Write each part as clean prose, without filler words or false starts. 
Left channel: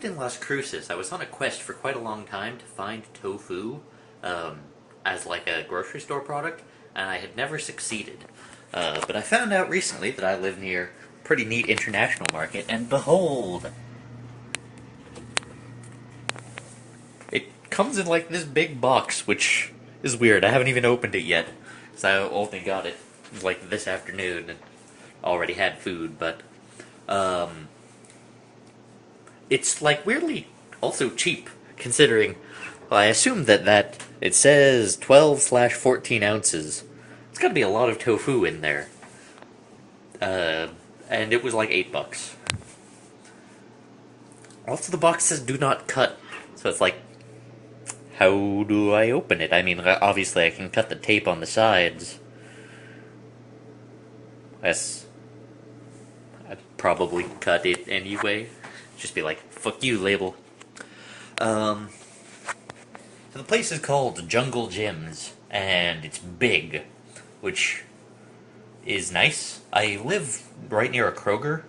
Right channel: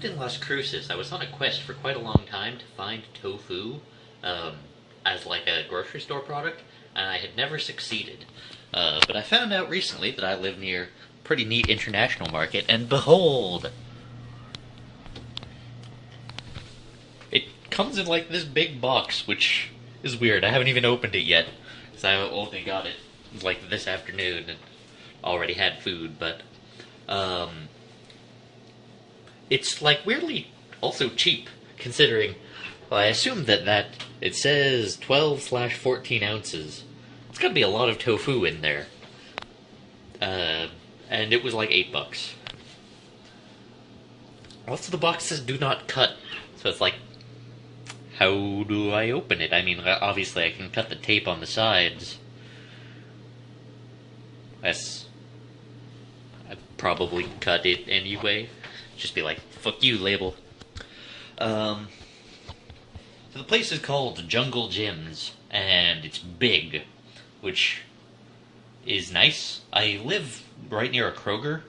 lived in Las Cruces, I was on a quest for quite a long time to find tofu as like a grocery store product, and I had never succeeded. But I found out recently that I live near a pretty neat international market, and behold, it comes in like this big box, which is weird. I haven't even opened it yet, so I only got it like this afternoon and already had food, but um, it's like weirdly also cheap considering. Well, I assume that it says 12/14 ounces. It's gotta be a lot of tofu in there. Uh, and it was like $8. Also, the box says "Do not cut," so it's like, how do I open it? I mean, obviously I can cut the tape on the sides. Yes, I'd probably cut it anyway. Just be like, "Fuck you, label." Um, so the place is called Jungle Gyms, and it's big, which is nice. I live right near a Kroger,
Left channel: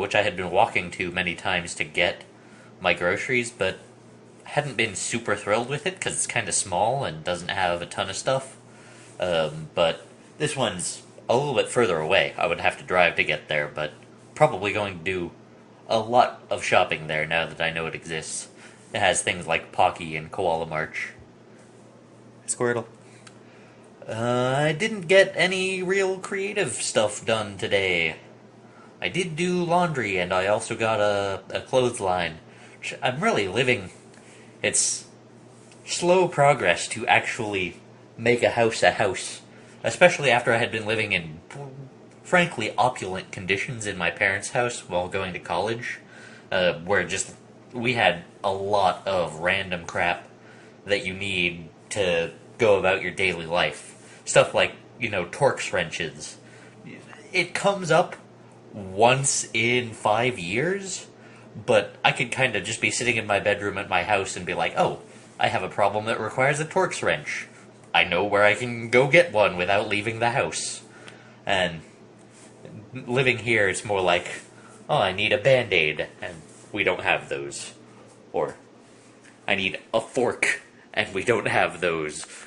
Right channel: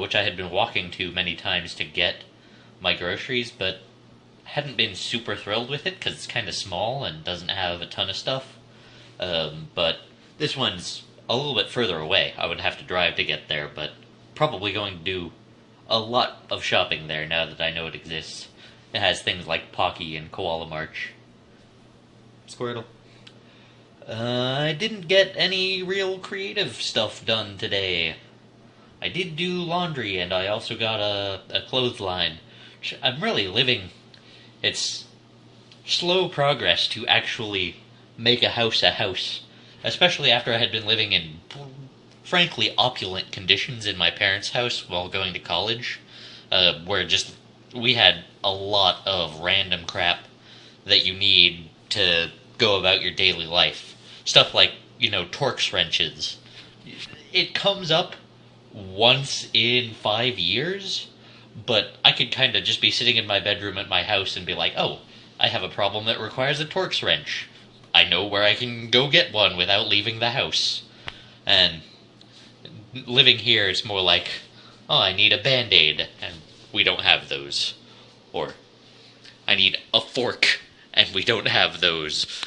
which I had been walking to many times to get my groceries, but hadn't been super thrilled with it because it's kind of small and doesn't have a ton of stuff. But this one's a little bit further away. I would have to drive to get there, but probably going to do a lot of shopping there now that I know it exists. It has things like Pocky and Koala March. Squirtle. I didn't get any real creative stuff done today. I did do laundry, and I also got a clothesline. I'm really living. It's slow progress to actually make a house, especially after I had been living in frankly opulent conditions in my parents' house while going to college, where just we had a lot of random crap that you need to go about your daily life. Stuff like, Torx wrenches. It comes up once in 5 years, but I could kind of just be sitting in my bedroom at my house and be like, oh, I have a problem that requires a Torx wrench. I know where I can go get one without leaving the house. And living here, it's more like, oh, I need a Band-Aid, and we don't have those. Or, I need a fork, and we don't have those.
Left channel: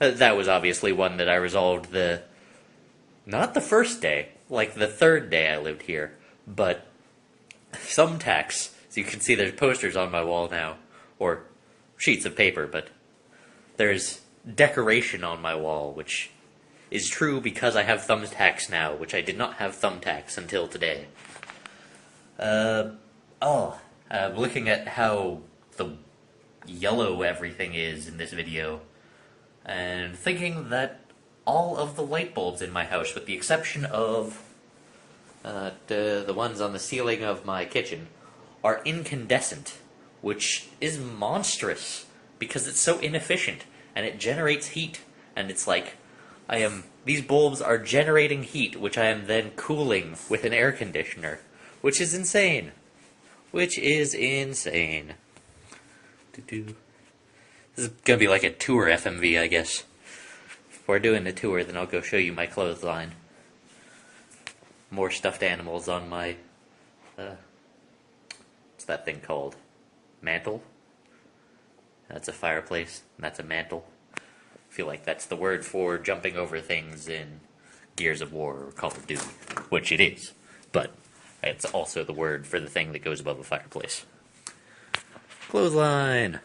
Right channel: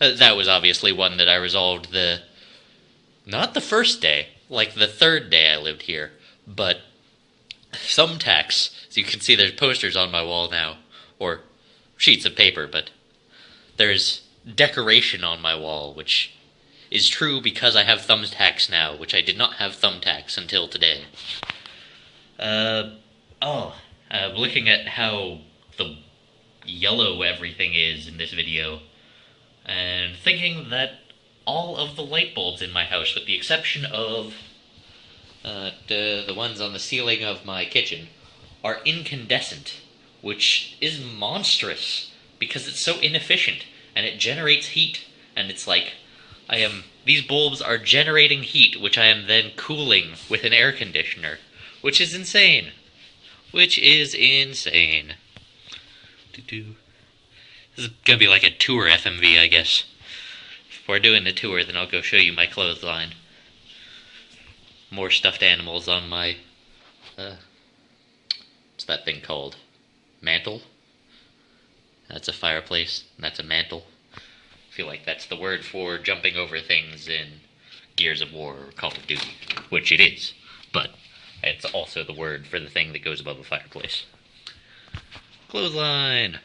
That was obviously one that I resolved not the first day, like the third day I lived here, but thumbtacks. So you can see there's posters on my wall now, or sheets of paper, but there's decoration on my wall, which is true because I have thumbtacks now, which I did not have thumbtacks until today. Looking at how the yellow everything is in this video, and thinking that all of the light bulbs in my house, with the exception of the ones on the ceiling of my kitchen, are incandescent, which is monstrous because it's so inefficient and it generates heat, and it's like these bulbs are generating heat, which I am then cooling with an air conditioner, which is insane. Which is insane. This is gonna be like a tour FMV, I guess. If we're doing the tour, then I'll go show you my clothesline. More stuffed animals on my, what's that thing called? Mantle? That's a fireplace, and that's a mantle. I feel like that's the word for jumping over things in Gears of War or Call of Duty, which it is, but it's also the word for the thing that goes above the fireplace. Clothesline!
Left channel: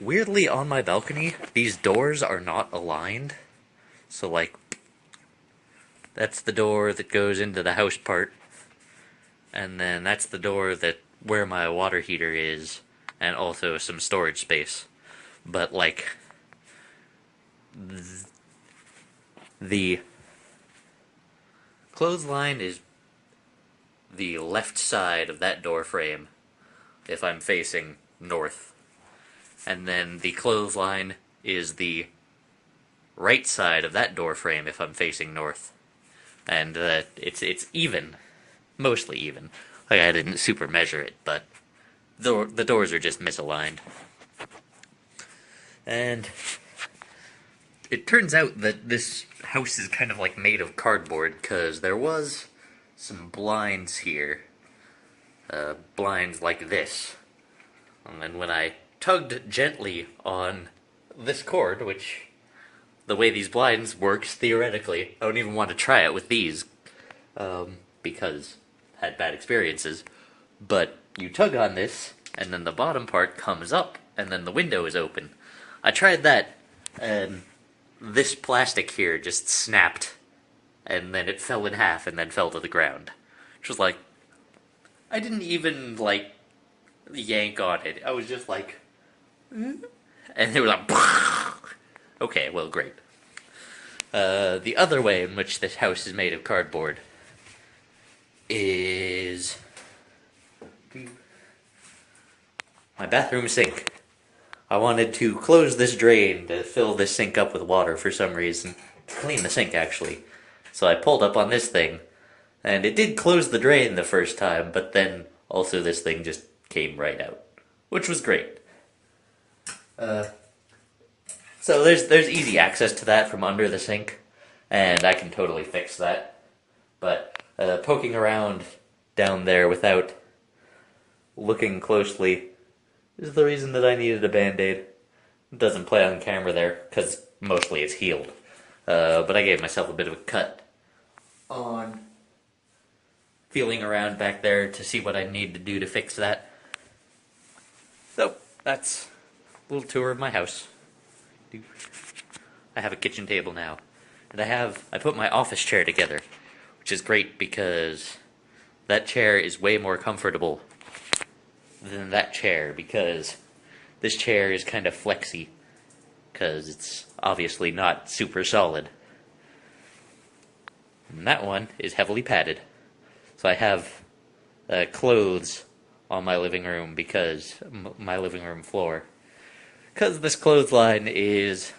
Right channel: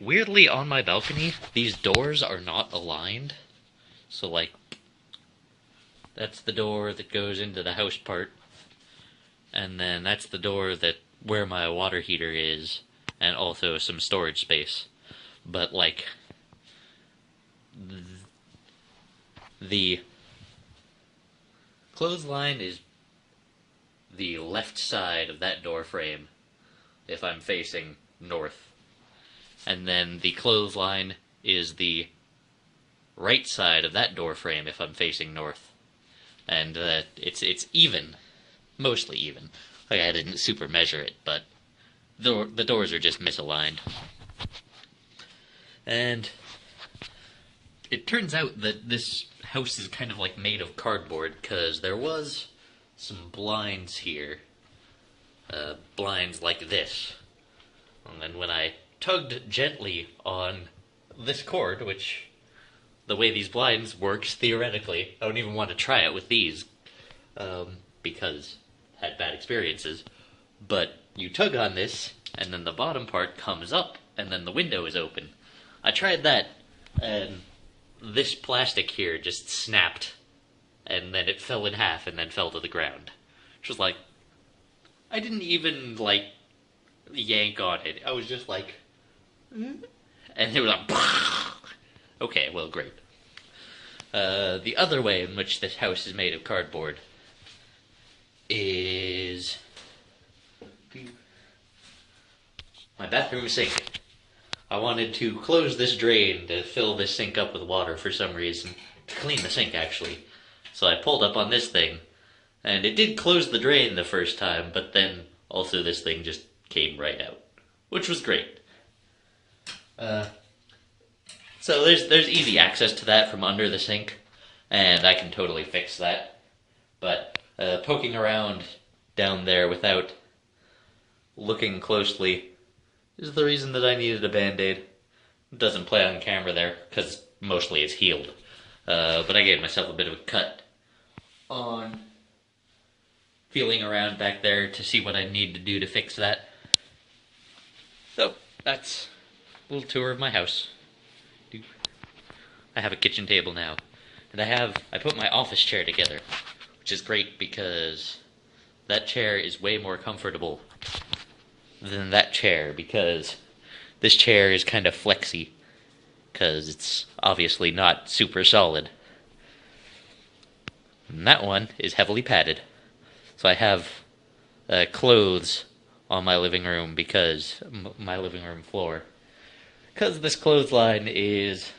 Weirdly, on my balcony, these doors are not aligned, so like, that's the door that goes into the house part, and then that's the door where my water heater is, and also some storage space. But like, the clothesline is the left side of that door frame if I'm facing north, and then the clothesline is the right side of that door frame if I'm facing north. And it's even, mostly even. Like, I didn't super measure it, but the doors are just misaligned. And it turns out that this house is kind of like made of cardboard, because there was some blinds here blinds like this. And when I tugged gently on this cord, which the way these blinds works theoretically, I don't even want to try it with these, because I had bad experiences, but you tug on this, and then the bottom part comes up, and then the window is open. I tried that, and this plastic here just snapped, and then it fell in half, and then fell to the ground. Which was like, I didn't even, like, yank on it. I was just like, and it was like, okay, well, great. The other way in which this house is made of cardboard is my bathroom sink. I wanted to close this drain to fill this sink up with water for some reason. To clean the sink, actually. So I pulled up on this thing, and it did close the drain the first time, but then also this thing just came right out, which was great. So there's easy access to that from under the sink, and I can totally fix that. But poking around down there without looking closely is the reason that I needed a Band-Aid. It doesn't play on camera there, because mostly it's healed. But I gave myself a bit of a cut on feeling around back there to see what I need to do to fix that. So, that's a little tour of my house. I have a kitchen table now. And I put my office chair together, which is great because that chair is way more comfortable than that chair, because this chair is kind of flexy, because it's obviously not super solid. And that one is heavily padded. So I have clothes on my living room, because my living room floor, because this clothesline is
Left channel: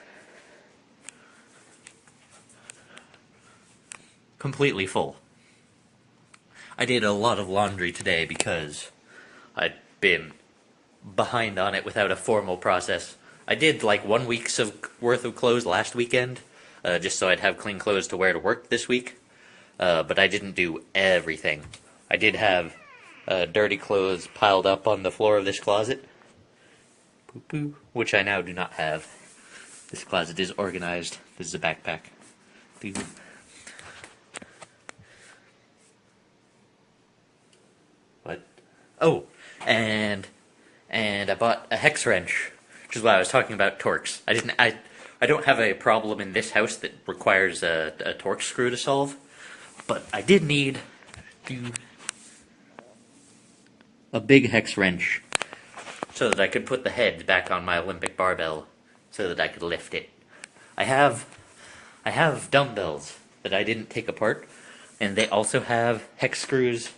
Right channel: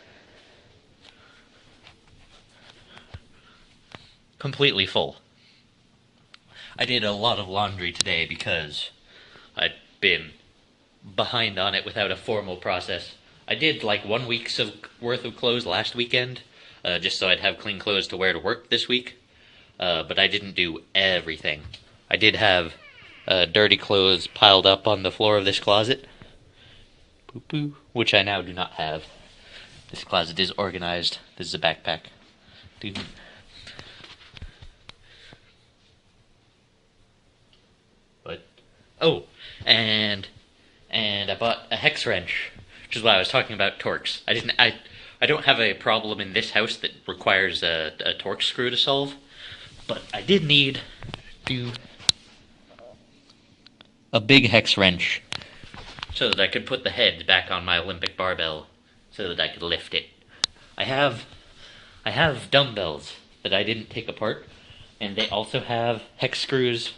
completely full. I did a lot of laundry today because I'd been behind on it without a formal process. I did like 1 week's worth of clothes last weekend, just so I'd have clean clothes to wear to work this week. But I didn't do everything. I did have dirty clothes piled up on the floor of this closet, which I now do not have. This closet is organized. This is a backpack. What? Oh, and I bought a hex wrench, which is why I was talking about Torx. I don't have a problem in this house that requires a Torx screw to solve, but I did need a big hex wrench so that I could put the head back on my Olympic barbell so that I could lift it. I have dumbbells that I didn't take apart, and they also have hex screws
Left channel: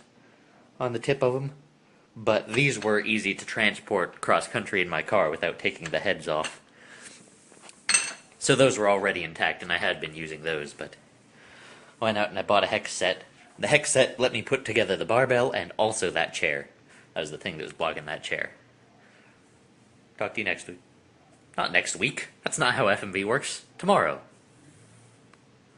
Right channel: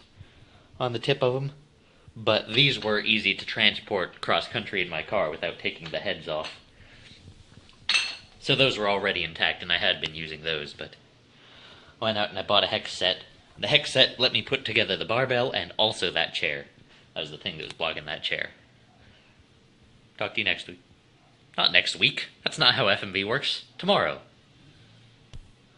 on the tip of them, but these were easy to transport cross-country in my car without taking the heads off. So those were already intact, and I had been using those, but why not? And I bought a hex set. The hex set let me put together the barbell and also that chair. That was the thing that was blocking that chair. Talk to you next week. Not next week. That's not how FMV works. Tomorrow.